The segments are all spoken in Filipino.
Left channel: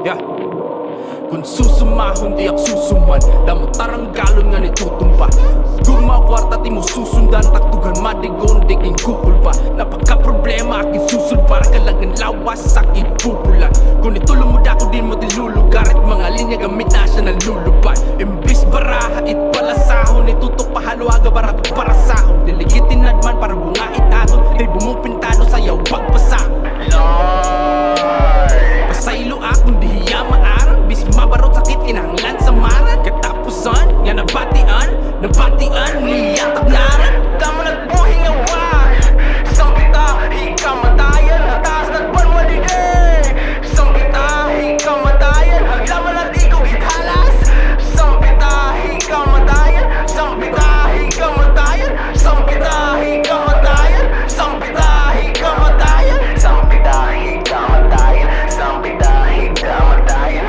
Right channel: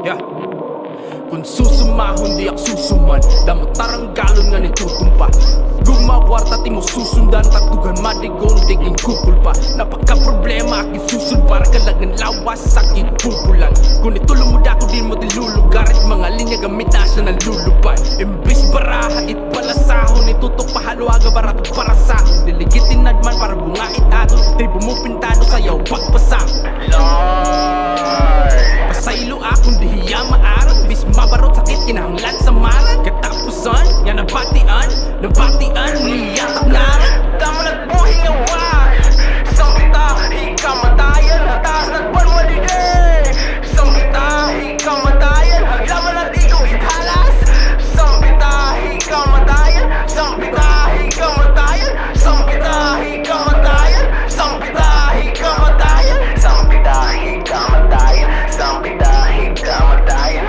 Yeah. Kung susumahon di ak susuman, damo taranggalon nga ni tutumpa. Guma kwarta ti mo susundan, taktugan madigon diging kukulpa. Napaka problema aking susun para kalagan lawas sakit pupulan. Kung itulong mo dako din mo tilulugar at mga linya gamit na siya nalulupad. Imbis baraha it pala sahon, itutok pahalwaga barato para sahon. Diligitin nadman para bungait aton, tribo mo pintado sayaw pagpasahon. Pasaylo akong dihiya maarang, bis mabarot sakit kinahanglan sa maran. Katapusan, nga nabatian niyatak naran. Tama nagbuhi nga why Sangkita, hikamatayan, taas nagban maliday. Sangkita, hikamatayan, laman at ikaw ithalas. Sangkita, hikamatayan, sangkita, hikamatayan, sangkita, hikamatayan, sangkita, hikamatayan, sangkita, hikamatayan, sangkita, hikamatayan.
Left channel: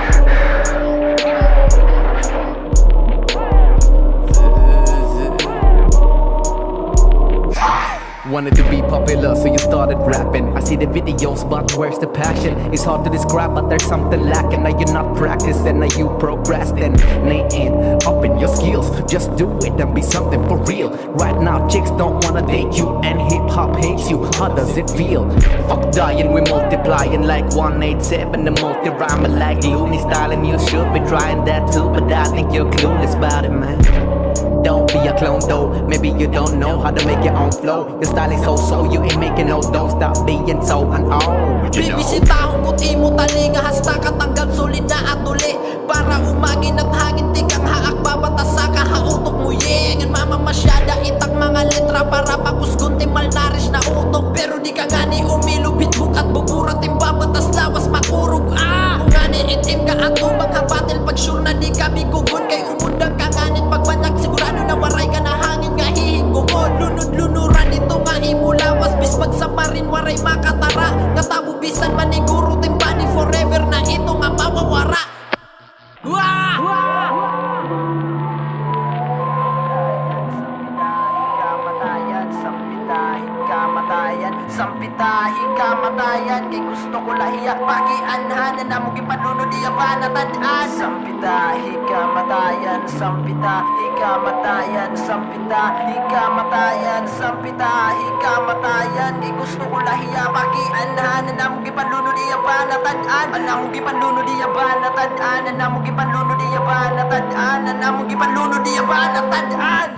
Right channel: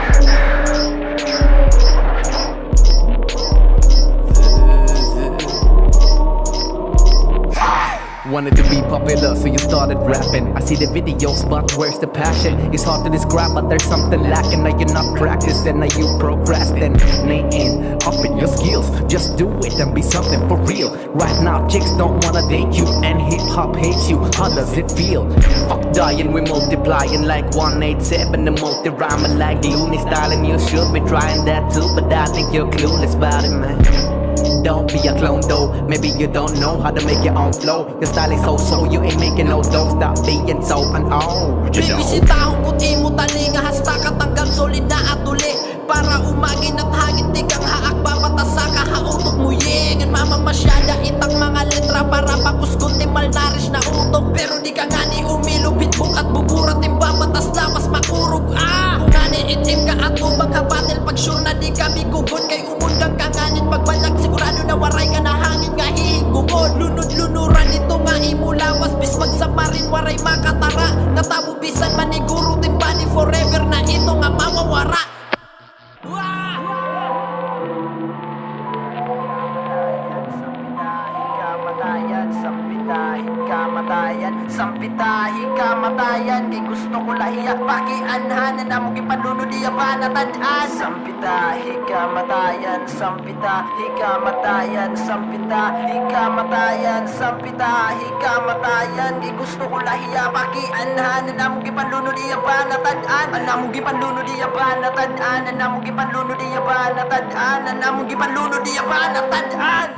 Wanted to be popular, so you started rapping. I see the videos, but where's the passion? It's hard to describe, but there's something lacking. Now you're not practicing, now you procrastinating. Up in your skills, just do it and be something for real. Right now, chicks don't wanna date you, and hip-hop hates you. How does it feel? Fuck dying, we multiplying like 187. The multi-rhyme like Looney style, and you should be trying that too. But I think you're clueless about it, man. Don't be a clone though, maybe you don't know how to make your own flow. Your style is so you ain't making no dough. Stop being so unowned. Bibisitahon ko't imo talinga, hasta katanggal solid na atuli. Para umagin at hangin tigang haak babatasa ka hautok mo yengan. Mama masyada itang mga letra para pakusgon timal narish na utok. Pero di ka nga ni umilo bitbook at buburat imbabatas lawas makurog Kung nga ni itim ka at ubang habatil, pag sure na di ka bigugon kay umundang ka nganit pagbalak sigurado na waray ka na hangin nga hihinggugon. Lunod-lunuran ito nga imo lawas, bis magsamarin waray makatara. Nga tabubisan maniguro timbani forever na ito nga mawawara. Kamatayan, sampitahi kamatayan, kay gusto ko lahiya pakianhanan na mong ipanlunod iya panatandaan. Sampitahi kamatayan, sampitahi kamatayan, sampitahi kamatayan, sampitahi kamatayan, kay gusto ko lahiya pakianhanan na mong ipanlunod iya panatandaan. Na mong ipanlunod iya panatandaan, na mong ipanlunod iya panatandaan, na mong ipanlunod iya panatandaan.